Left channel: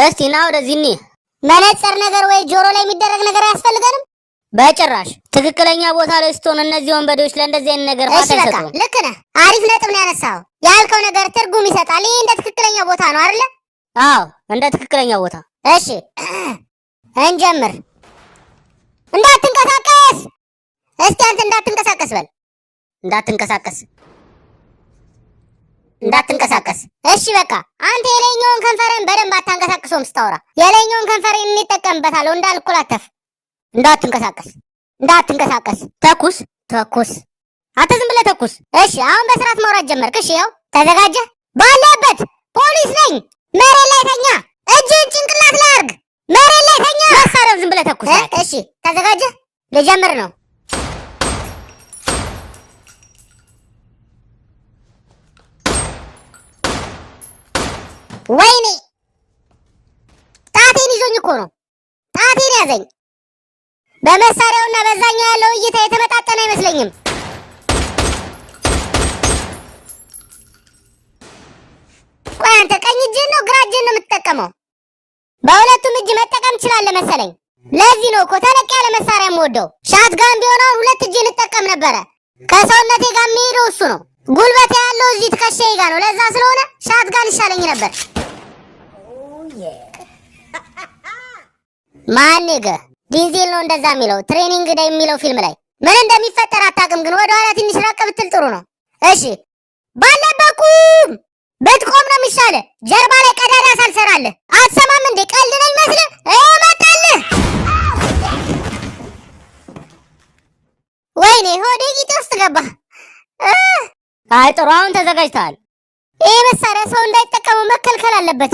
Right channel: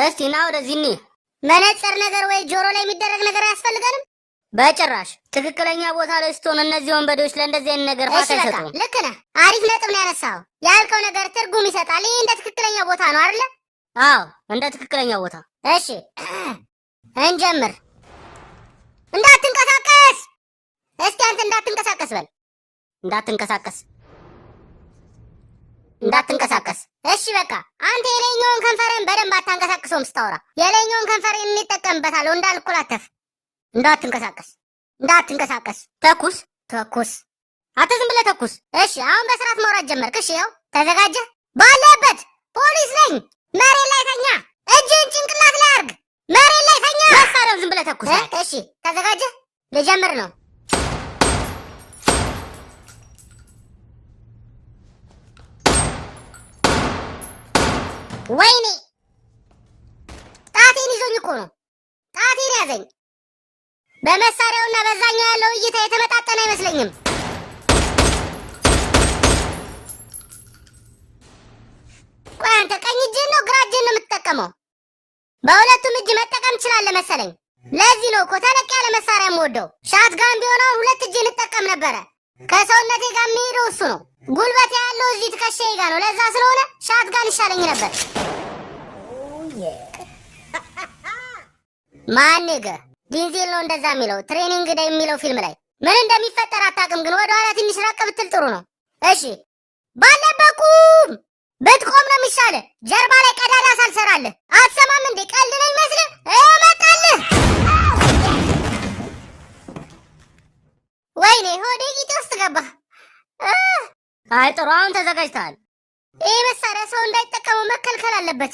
እስቲ ና ወደዚህ እንሂድ። መነጽር ነገር ወይ ጆሮ ላይ የሚደረግ ነገር አያስፈልገንም? በጭራሽ። ትክክለኛ ቦታ ላይ ስትሆን እነዚህ ወንበዴዎች ለእንደዚህ አይነት ነገር ፋታ አይሰጡም። ልክ ነህ። አሪፍ ነጥብ ነው ያነሳኸው። ያልከው ነገር ትርጉም ይሰጣል። ይህ እንደ ትክክለኛ ቦታ ነው አይደለ? አዎ እንደ ትክክለኛ ቦታ። እሺ እንጀምር። እንዳትንቀሳቀስ። እስቲ አንተ እንዳትንቀሳቀስ በል። እንዳትንቀሳቀስ። እሺ በቃ አንተ የላይኛውን ከንፈርን በደንብ አታንቀሳቅሰውም ስታወራ። የላይኛውን ከንፈርን እንጠቀምበታለሁ እንዳልኩላተፍ። እንዳትንቀሳቀስ። ተኩስ። አንተ ዝም ብለህ ተኩስ። እሺ አሁን በስርዓት ማውራት ጀመርክ። እሺ ያው ተዘጋጀህ? ባለበት ፖሊስ ነኝ። መሬት ላይ ተኛ። እጅን ጭንቅላት ላይ አድርግ። መሬት ላይ ተኛ። መሳሪያው ዝም ብለህ ተኩስ። እሺ ተዘጋጀህ? ልጀምር ነው። ወይኔ ጣቴን ይዞኝ እኮ ነው። ጣቴን ያዘኝ። በመሳሪያውና በዛኛው ያለው እይታ የተመጣጠነ አይመስለኝም። ቆይ አንተ ቀኝ እጅን ነው ግራ እጅን ነው የምትጠቀመው? በሁለቱም እጅ መጠቀም ትችላለህ መሰለኝ። ለዚህ ነው እኮ ተለቅ ያለ መሳሪያ የምወደው። ሻትጋን ቢሆን አሁን ሁለት እጅ እንጠቀም ነበረ። ከሰውነቴ ጋር የሚሄደው እሱ ነው። ጉልበት ያለው እዚህ ትከሻዬ ጋር ነው። ለዛ ስለሆነ ሻትጋን ይሻለኝ ነበር። ማንገ ዲንዜል ነው እንደዛ የሚለው ትሬኒንግ ዴይ የሚለው ፊልም ላይ ምን እንደሚፈጠር አታውቅም፣ ግን ወደ ኋላ ትንሽ ራቅ ብትል ጥሩ ነው። እሺ ባለበት ቁም። ብትቆም ነው የሚሻልህ። ጀርባ ላይ ቀዳዳ ሳልሰራልህ አትሰማም እንዴ? ቀልድ ነው ይመስልህ? እመጣልህ። ወይኔ ሆዴ ቂጤ ውስጥ ገባ። አይ ጥሩ፣ አሁን ተዘጋጅተሃል። ይህ መሳሪያ ሰው እንዳይጠቀሙ መከልከል አለበት።